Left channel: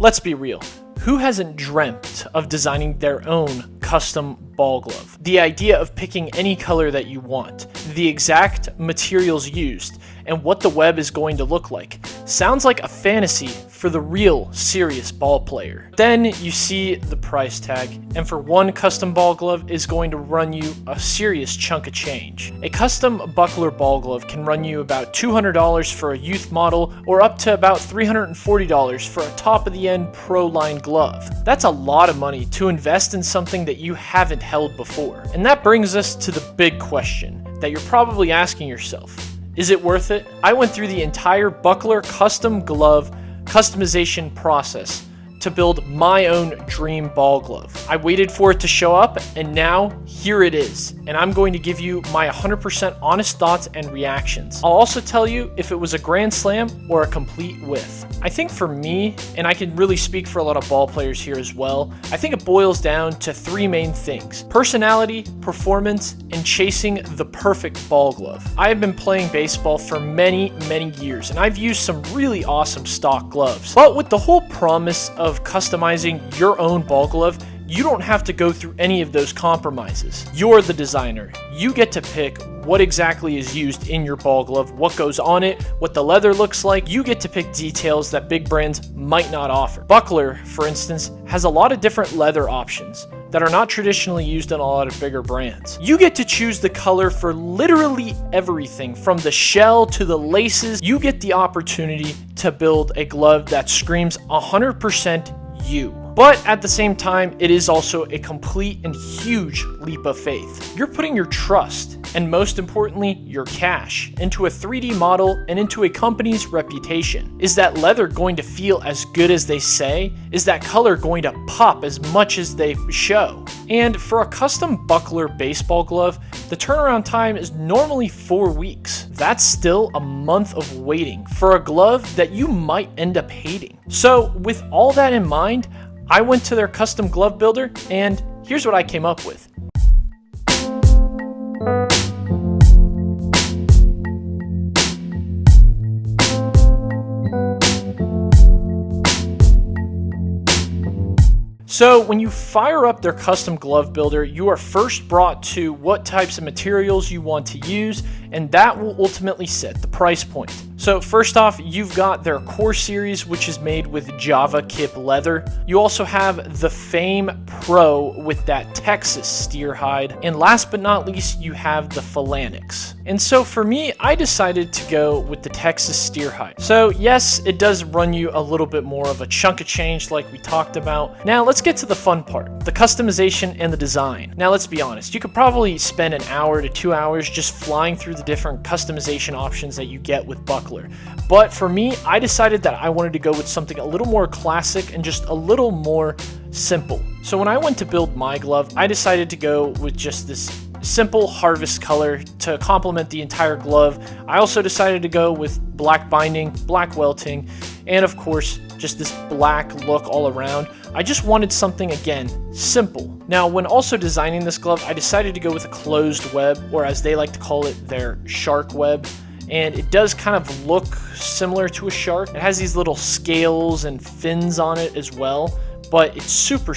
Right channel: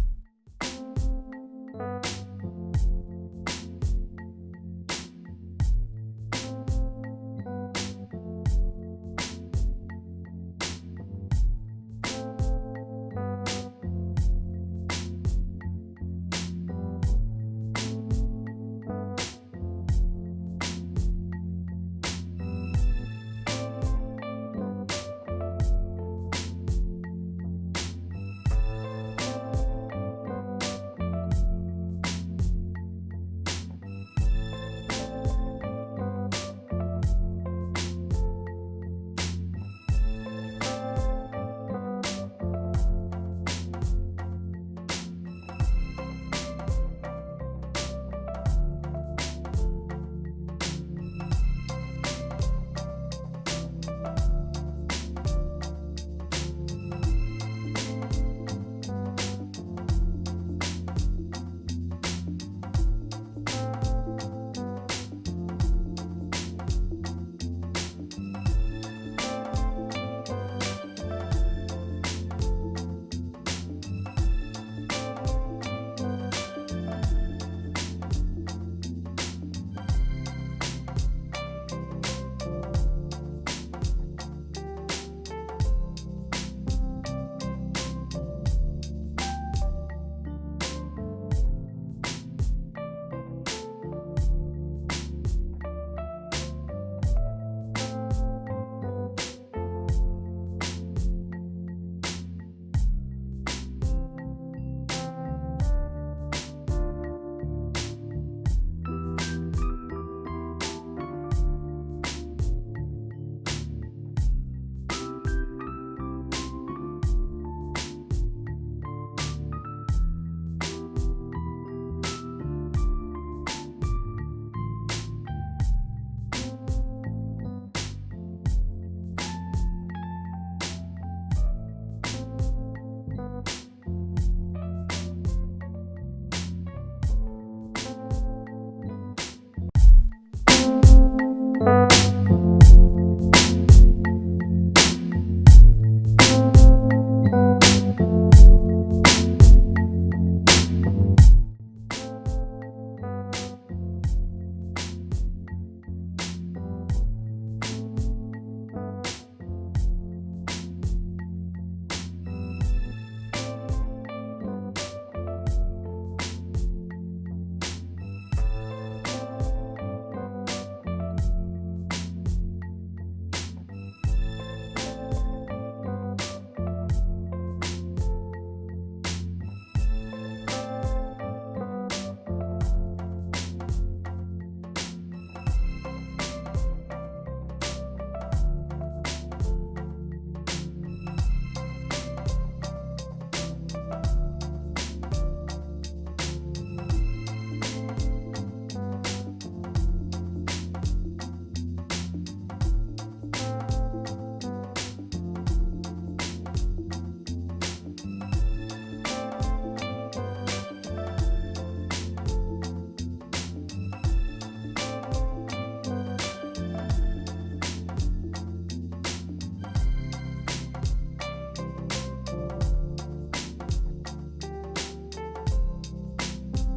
Let's be real. Who hasn't dreamt of designing their own custom ball glove? The idea of picking any color that you want, the exact materials used, and what the web is going to look like. Sounds like a fantasy for the real serious ball player. Then you see the price tag, and for one custom ball glove is going to run you a serious chunk of change. A custom buckler ball glove can run you about $200 for a youth model or up to about $340 for a top of the end pro line glove. That's a lot of money to invest in something that you haven't held before. And that brings us to the big question that you're probably asking yourself. Is it worth it? I went through the entire buckler custom glove customization process to build my own dream ball glove. I waited for it to show up, and now here it is. And I'm going to give you my 100% honest thoughts and reactions. I'll also tell you if it was a grand slam or a complete whiff. I think for me, and I can really speak for a lot of ball players here as well, I think it boils down to three main things: personality, performance, and chasing the perfect ball glove. I have been playing baseball for many years, and I've used some really awesome stock gloves. But with the whole promise of customizing your own ball glove, you don't have to go through any of those compromises. You're the designer. You get to pick what exactly is used in your ball glove, what goes on it, what the leather looks like. You get to pick details that big brands might not offer. Buckler, for instance, has a lot of different leather options that are not traditionally used in a lot of bigger brands. You get to choose the color for literally everything, from the shell to the laces. You get the opportunity to build a glove that screams 100% you. But at the same time, it is also a complete and huge leap of faith. You're putting your trust, and most importantly, your cash, into a 3D model and into a company's reputation. Is that leather going to feel as good as they say? Is that color going to pop as much as they show? And for a custom buckler baseball glove, the turnaround time is normally 4 weeks. That's still a month of waiting for a glove that you might end up hating. So with all that in mind, I went to their custom glove builder, and here's what I came up with. So when you fire up their custom glove builder, you are first brought to what types of materials you want to use, and that will ultimately set the price point. So first off, you've got their Core Series, which is made with Java Kip leather. You also have the Fame Pro with that Texas steer hide. And last but not least, you have the Phalanx. And so for me, I decided to go with the Texas steer hide. So yes, it does run you a little bit more of a chunk of change like we talked about. Now let's get to the fun part, the customization and the design. Now let's be honest, you could probably spend an hour to 2 hours just flying through the different customization options that you get with buckler. But for me, I decided that I wanted to go with something a little more classic and just a little more simple. So when I went to build my glove, I decided to go with just this simple harvest color to complement the entire glove. I also decided to go with black binding, black welting, and of course, just this black look all around. I just wanted something, again, simple. Now, when also designing this glove, I decided to go with a closed web, or as they like to call it, their shark web. And it does kind of look similar to a shark. It has these little scales and fins on it as well, but it's super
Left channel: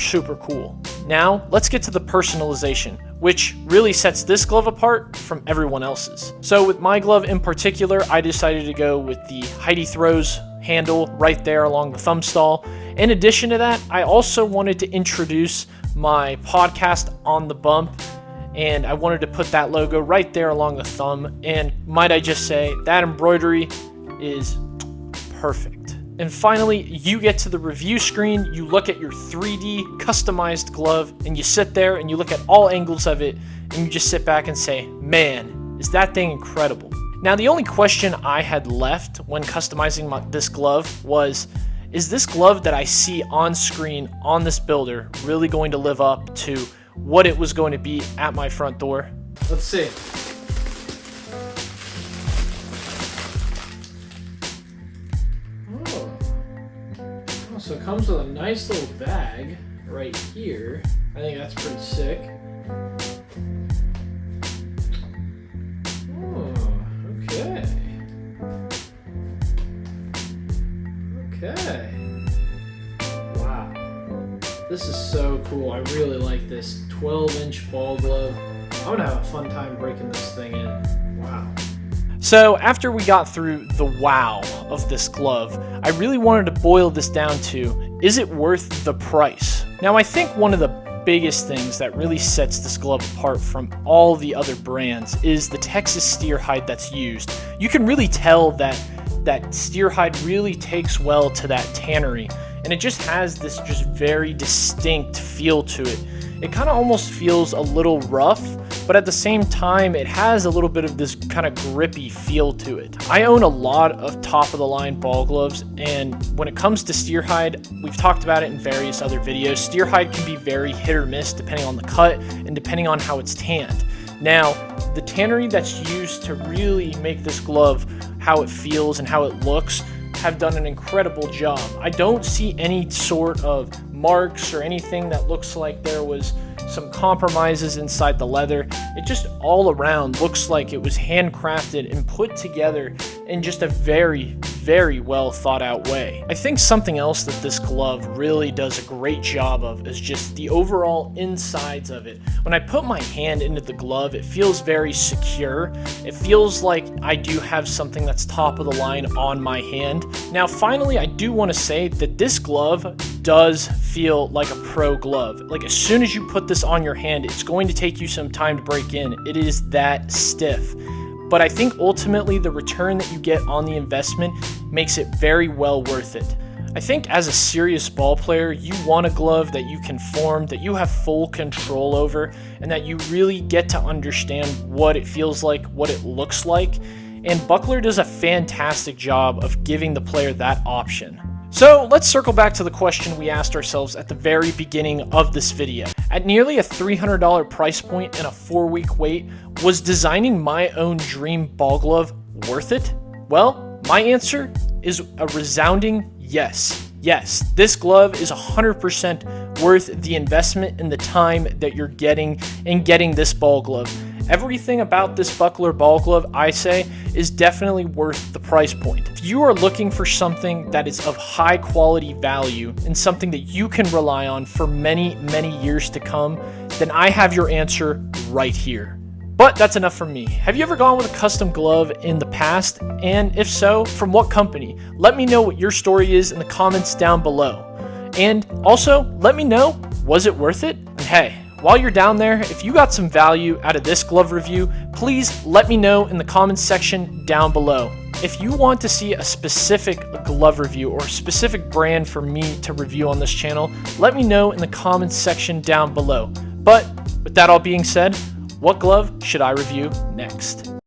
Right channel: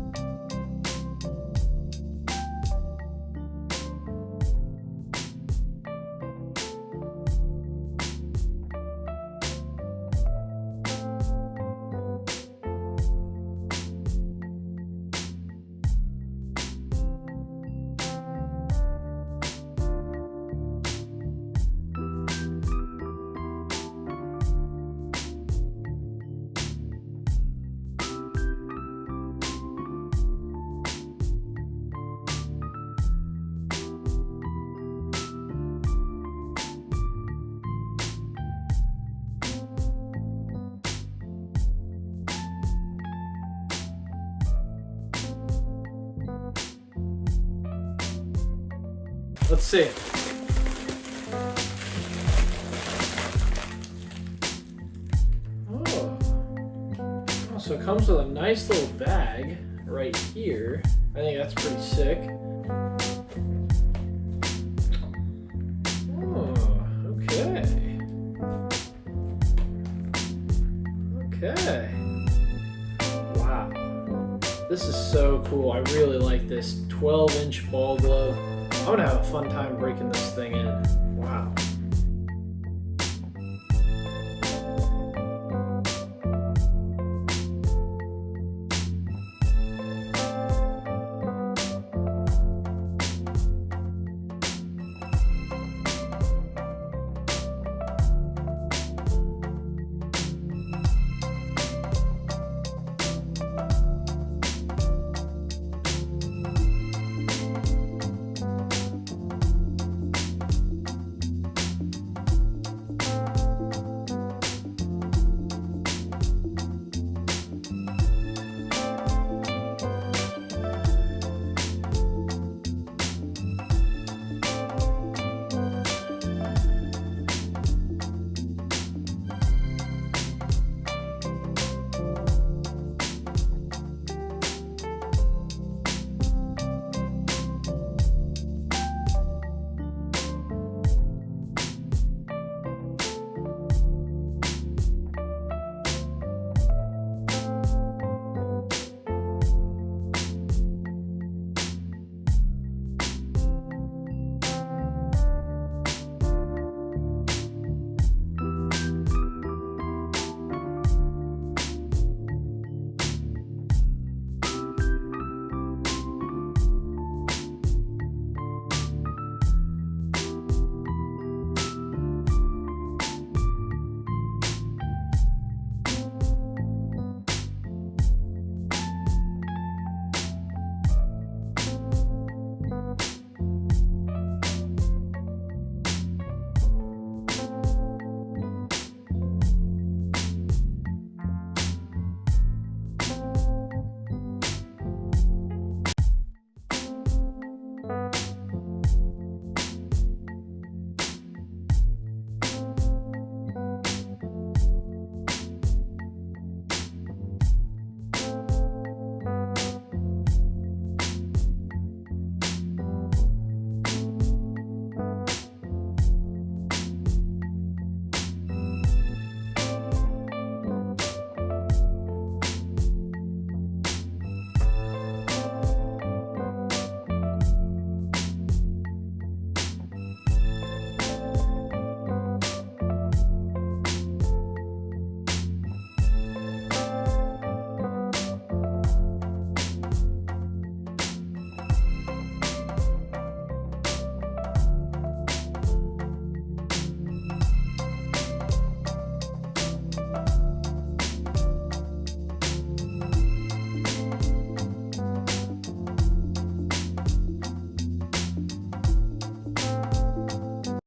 cool. Now, let's get to the personalization, which really sets this glove apart from everyone else's. So with my glove in particular, I decided to go with the Heidi Throws handle right there along the thumb stall. In addition to that, I also wanted to introduce my podcast on the bump, and I wanted to put that logo right there along the thumb. And might I just say, that embroidery is perfect. And finally, you get to the review screen, you look at your 3D customized glove, and you sit there and you look at all angles of it, and you just sit back and say, man, is that thing incredible. Now, the only question I had left when customizing this glove was, is this glove that I see on screen on this builder really going to live up to what it was going to be at my front door? Let's see. Oh, so it comes with a nice little bag right here. I think that's pretty sick. Okay. This is so cool. I really like this 12-inch ball glove. I'm gonna have a fun time breaking this thing in. Wow. So after we got through the wow of this glove, I really wanted to boil this down to, is it worth the price? Now I think one of the biggest things that really sets this glove apart from all the other brands is the Texas steer hide that's used. You can really tell that steer hide really takes well to that tannery, and it just has this just very distinct feel to it. It kind of almost feels a little rough, but at the same time, it has a little bit of this kind of grippy feel to it. I own a lot of top-of-the-line ball gloves, and when it comes to steer hide, we've talked about it in various other videos. Steer hide can be very hit or miss depending on the cut and depending on how it's tanned. Now, the tannery that's used to really make this glove how it feels and how it looks have done an incredible job. I don't see any sort of marks or anything that looks like there was some compromises inside the leather. It just all around looks like it was handcrafted and put together in just a very, very well thought out way. I think something else that this glove really does a great job of is just the overall insides of it. When I put my hand into the glove, it feels very secure. It feels like I do have something that's top of the line on my hand. Now finally, I do want to say that this glove does feel like a pro glove. Like as soon as you put this on your hand, it's going to take you some time to break in. It is that stiff. But I think ultimately the return that you get on the investment makes it very well worth it. I think as a serious ball player, you want a glove that you can form, that you have full control over, and that you really get to understand what it feels like, what it looks like. And Buckler does a fantastic job of giving the player that option. So let's circle back to the question we asked ourselves at the very beginning of this video. At nearly a $300 price point and a 4-week wait, was designing my own dream ball glove worth it? Well, my answer is a resounding yes. Yes, this glove is 100% worth the investment and the time that you're getting in getting this ball glove. Everything about this Buckler ball glove, I say, is definitely worth the price point. If you are looking for something that is of high quality value and something that you can rely on for many, many years to come, then I have your answer right here. But that's enough from me. Have you ever gone with a custom glove in the past? And if so, from what company? Let me know what your story is in the comments down below. And also, let me know, was it worth it? Hey, while you're down there, if you got some value out of this glove review, please let me know in the comments section down below. If you want to see a specific glove review or a specific brand for me to review on this channel, let me know in the comments section down below. But with that all being said, what glove should I review next?